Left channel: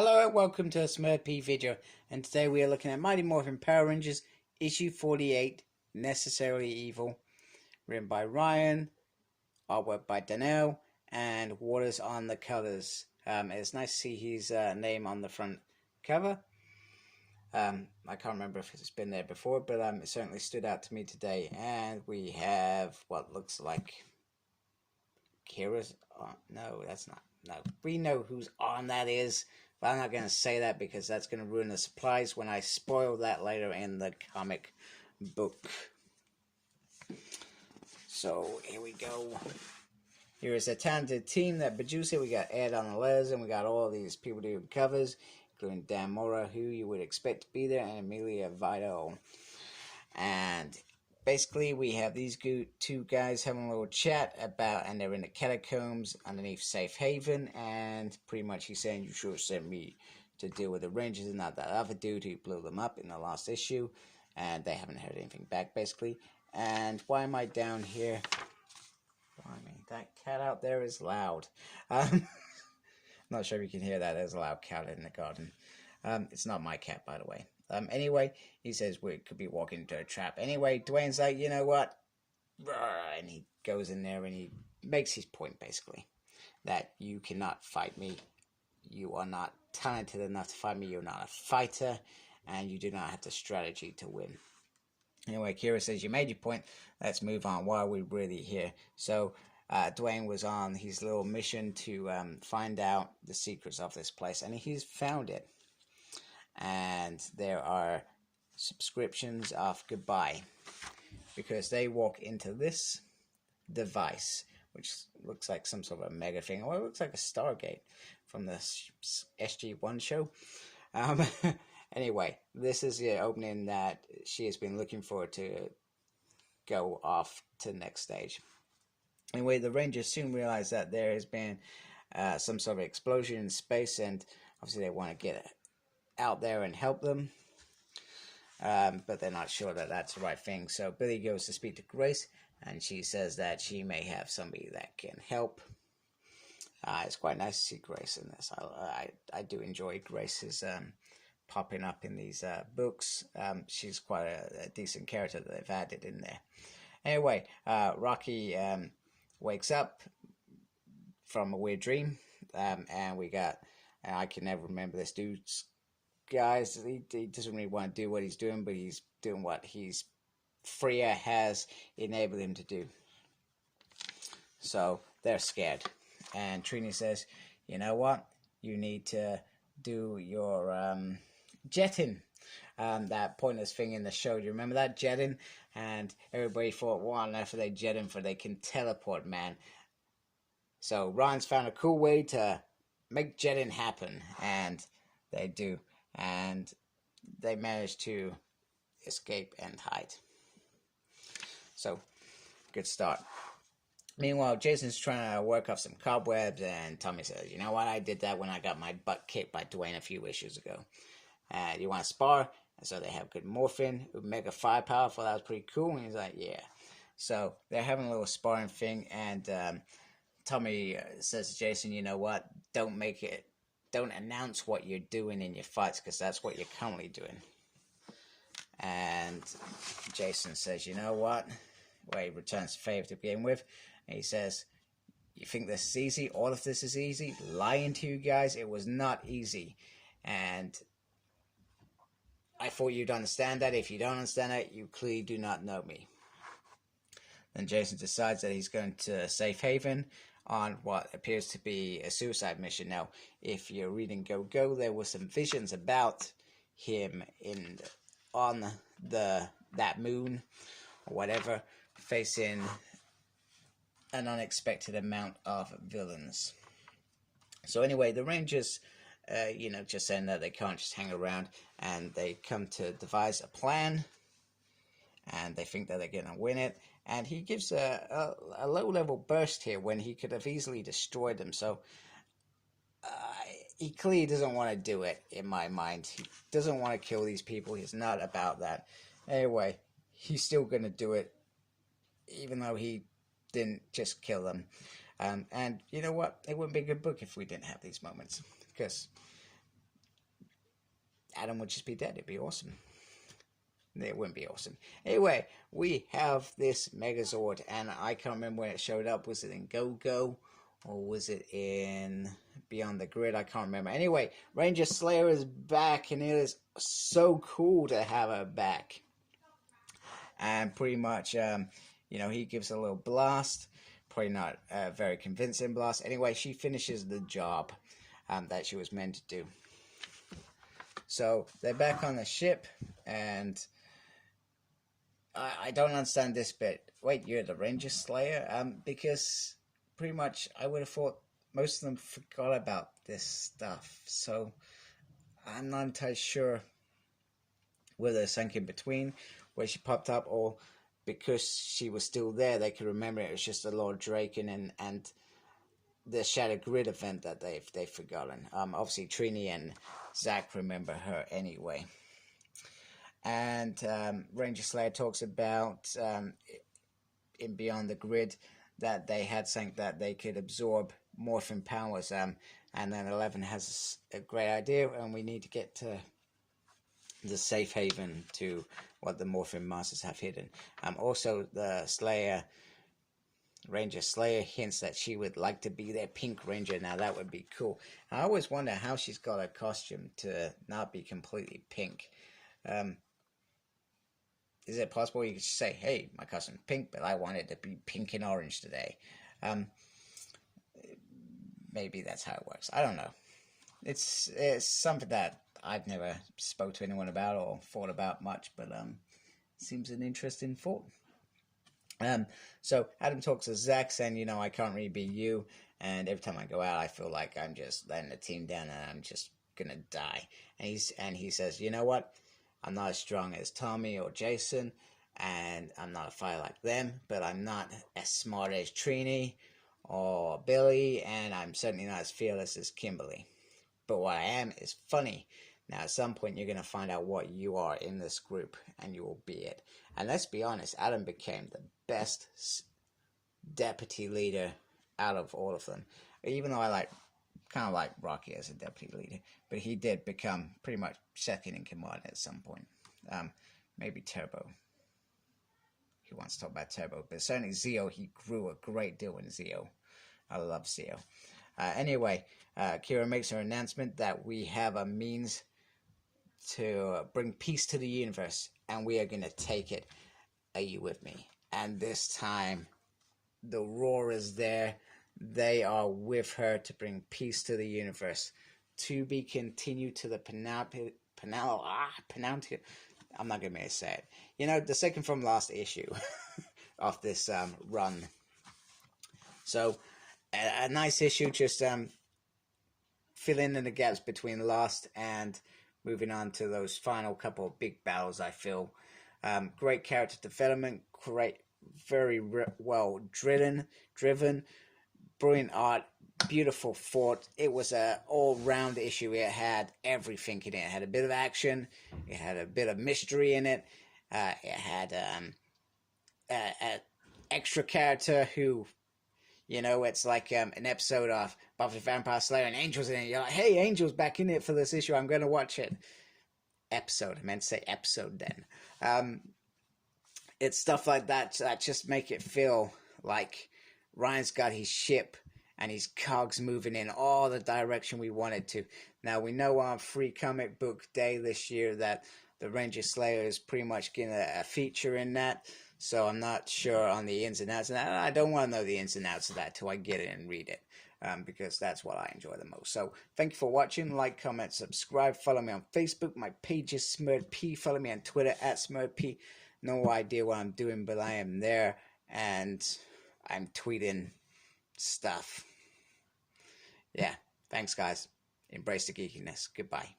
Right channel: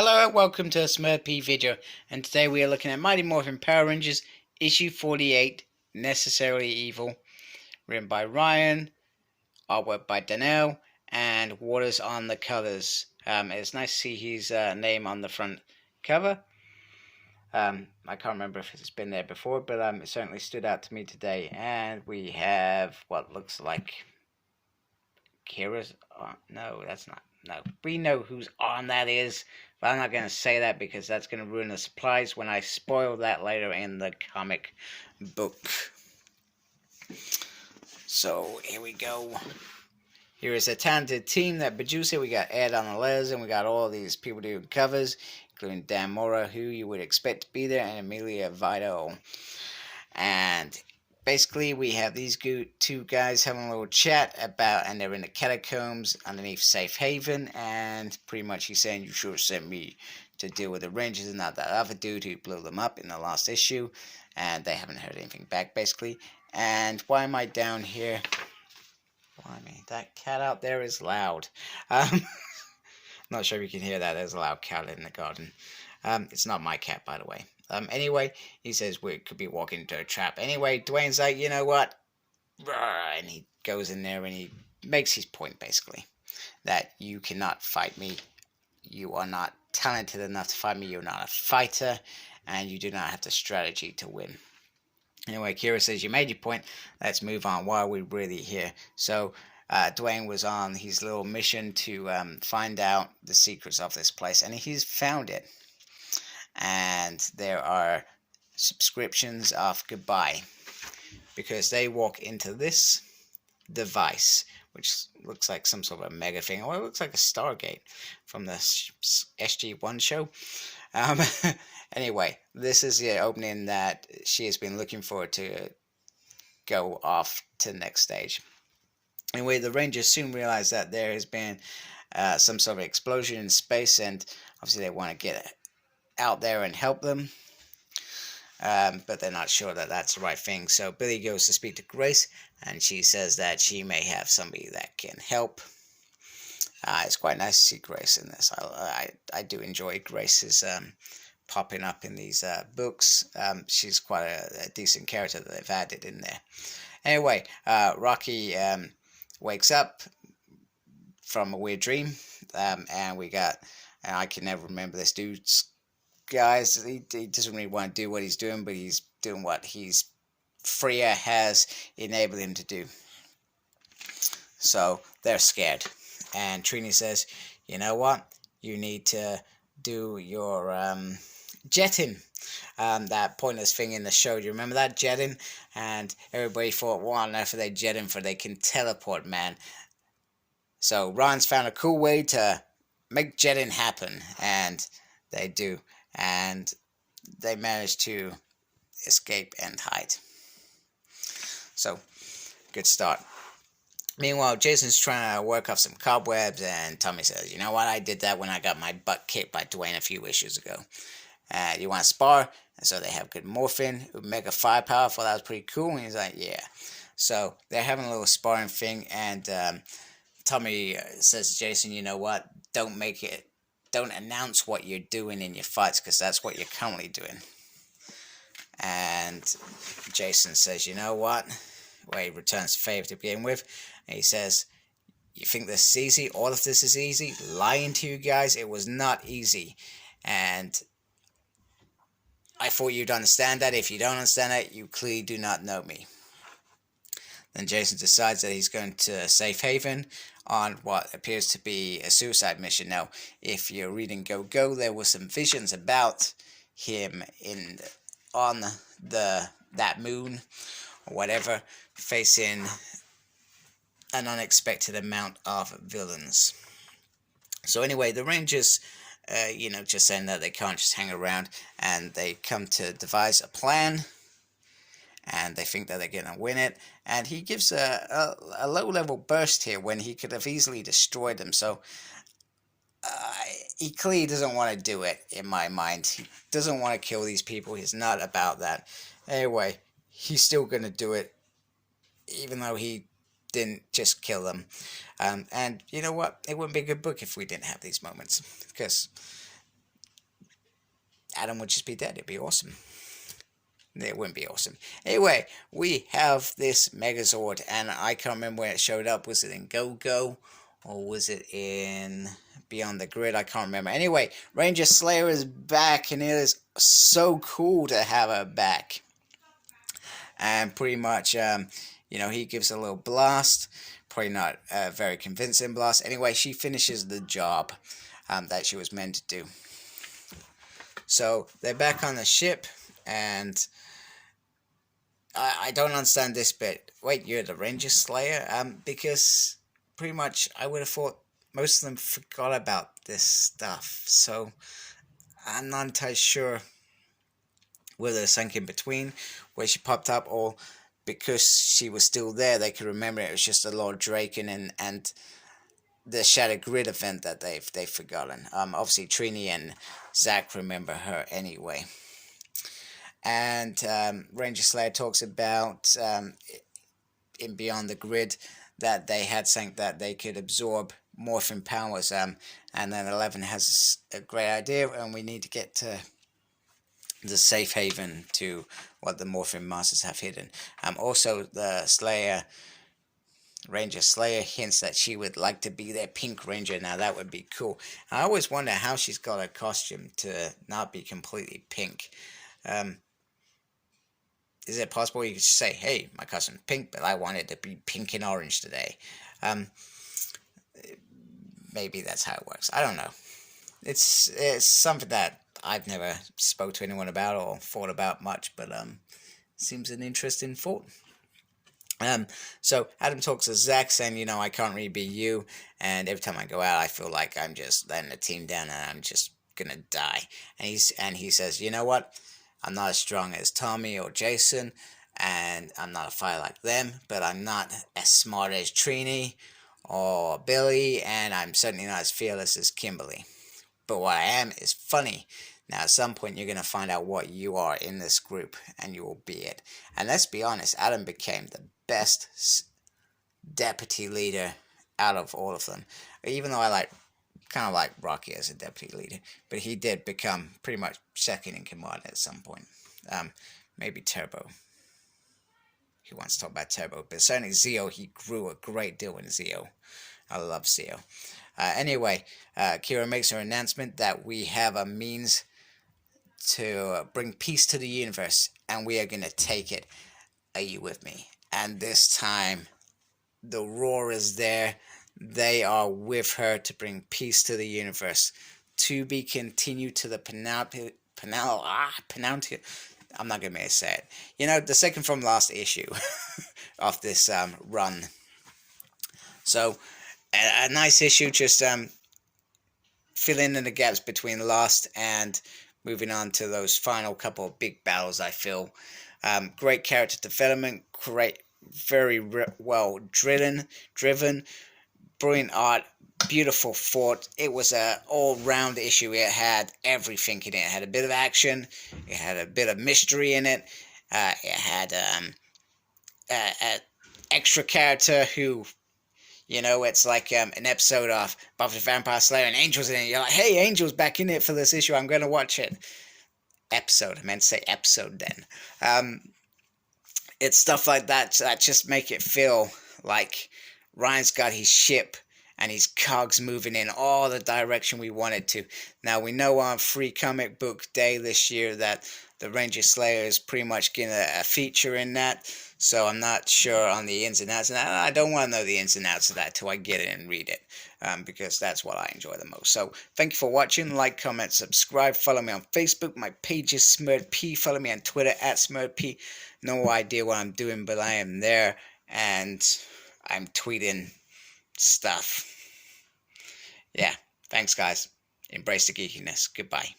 Hello and welcome to a Smurpy video, and today we are looking at Mighty Morphin Power Rangers issue 48, Necessarily Evil, written by Ryan, artwork by Danielle, and Waters on the covers. It's nice to see his name on the front cover. I can't remember if it's been there before, but it certainly stood out to me today. And we have what looks like Kira's on. No, that's not. No, we know whose on that is, but I'm not going to say that because that's going to ruin the surprise when I spoil that later in the comic book. So here we go. Here is a talented team that produced it. We got Ed on the letters, and we got all these people doing covers, including Dan Mora, who you would expect to be there, and Amelia Vito. And basically, we have these two guys having a little chat about, and they're in the catacombs underneath Safe Haven, and pretty much he's saying, you should have sent me to deal with the Rangers and not that other dude who blew them up in the last issue, and they haven't heard anything back, basically. And why am I down here? Blimey, that cat out there is loud. Not sure if you can hear that. There's a loud cat in the garden. It's not my cat, by the way. Anyway, he says we could be walking into a trap. Anyway, Dwayne's like, you know what? And he goes in there and he makes his point, basically. That you cannot fight me. You are not talented enough to fight me. You're not a fighter. And you do not have the strategy to win. Anyway, Kira says, you made your point. Let's move on. Why are we really here? So, Dwayne was on his little mission to find out the secrets of this place. And he's found it. And there are subscriptions of goodbye. Because they walk into this device, which looks like some sort of a mega thing. Or it looks like a Stargate from the SG-1 show. Anyway, this is the opening that she has been looking for to go off to the next stage. Anyway, the Rangers soon realize that there has been some sort of explosion in space, and obviously they want to get out there and help them. But they're not sure that that's the right thing. So Billy goes to speak to Grace, and she says that she may have somebody that can help. It's quite nice to see Grace in this. I do enjoy Grace's popping up in these books. She's quite a decent character that they've added in there. Anyway, Rocky wakes up from a weird dream, and we got, and I can never remember this dude's guys. He doesn't really want to do what he's doing, but he's doing what Freya has enabled him to do. So they're scared. And Trini says, you know what? You need to do your jetting. That pointless thing in the show. Do you remember that jetting? And everybody thought, what on earth are they jetting for? They can teleport, man. So Ron's found a cool way to make jetting happen. And they do. And they manage to escape and hide. So, good start. Meanwhile, Jason's trying to work off some cobwebs, and Tommy says, you know what, I did that when I got my butt kicked by Dwayne a few issues ago. You want to spar? And so they have good morphin, mega firepower. Well, that was pretty cool. And he's like, yeah. So they're having a little sparring thing, and Tommy says to Jason, you know what, don't announce what you're doing in your fights, because that's what you're currently doing. And Jason says, you know what? Well, he returns the favor to begin with. And he says, you think this is easy? All of this is easy? Lying to you guys? It was not easy. And I thought you'd understand that. If you don't understand that, you clearly do not know me. Then Jason decides that he's going to Safe Haven on what appears to be a suicide mission. Now, if you're reading Go Go, there were some visions about him on that moon or whatever, facing an unexpected amount of villains. So anyway, the Rangers, just saying that they can't just hang around, and they come to devise a plan, and they think that they're going to win it. And he gives a low-level burst here when he could have easily destroyed them. So he clearly doesn't want to do it, in my mind. He doesn't want to kill these people. He's not about that. Anyway, he's still going to do it, even though he didn't just kill them. And you know what? It wouldn't be a good book if we didn't have these moments, because Adam would just be dead. It'd be awesome. It wouldn't be awesome. Anyway, we have this Megazord, and I can't remember where it showed up. Was it in Go-Go, or was it in Beyond the Grid? I can't remember. Anyway, Ranger Slayer is back, and it is so cool to have her back. And pretty much, he gives a little blast. Probably not a very convincing blast. Anyway, she finishes the job that she was meant to do. So they're back on the ship, and I don't understand this bit. Wait, you're the Ranger Slayer? Because pretty much I would have thought most of them forgot about this stuff. So I'm not entirely sure whether it sank in between where she popped up, or because she was still there they could remember it was just the Lord Draken and the Shattered Grid event that they've forgotten. Obviously Trini and Zack remember her anyway. And Ranger Slayer talks about in Beyond the Grid that they had something that they could absorb morphin powers, and then 11 has a great idea, and we need to get to the safe haven to what the morphin masters have hidden. Also the Ranger Slayer hints that she would like to be their Pink Ranger. Now that would be cool. I always wonder how she's got a costume to not be completely pink. Is it possible you could say, hey, my costume's pink, but I want it to be pink and orange today? Maybe that's how it works. I don't know. It's something that I've never spoke to anyone about or thought about much, but seems an interesting thought. So Adam talks to Zack saying, I can't really be you, and every time I go out I feel like I'm just letting the team down and I'm just gonna die. And he says, you know what? I'm not as strong as Tommy or Jason, and I'm not a fighter like them, but I'm not as smart as Trini or Billy, and I'm certainly not as fearless as Kimberly. But what I am is funny. Now at some point you're going to find out what you are in this group, and you will be it. And let's be honest, Adam became the best deputy leader out of all of them. Even though I kind of like Rocky as a deputy leader, but he did become pretty much second in command at some point. Maybe Turbo. He wants to talk about Turbo, but certainly Zeo, he grew a great deal in Zeo. I love Zeo. Anyway, Kira makes her announcement that we have a means to bring peace to the universe, and we are going to take it. Are you with me? And this time, the Roar is there. They are with her to bring peace to the universe. To be continued to the penalty. I'm not going to be able to say it. The second from last issue of this run. So, a nice issue, just filling in the gaps between Lost and moving on to those final couple of big battles, I feel. Great character development, very well driven, brilliant art, beautiful thought. It was an all-round issue. It had everything in it. It had a bit of action, it had a bit of mystery in it, it had an extra character who, it's like an episode of Buffy the Vampire Slayer and Angel's in it. You're like, hey, Angel's back in it for this issue. I'm going to watch it. Episode. I meant to say episode then. It's stuff like that just make it feel like Ryan's got his ship and his cogs moving in all the direction we want it to. Now, we know on Free Comic Book Day this year that the Ranger Slayer is pretty much getting a feature in that. So I'm not sure on the ins and outs of that. I don't want to know the ins and outs of that till I get it and read it, because that's what I enjoy the most. So thank you for watching. Like, comment, subscribe. Follow me on Facebook. My page is SmurredP. Follow me on Twitter @SmurredP. No idea what I'm doing, but I am there, and I'm tweeting stuff. Yeah, thanks guys. Embrace the geekiness. Goodbye.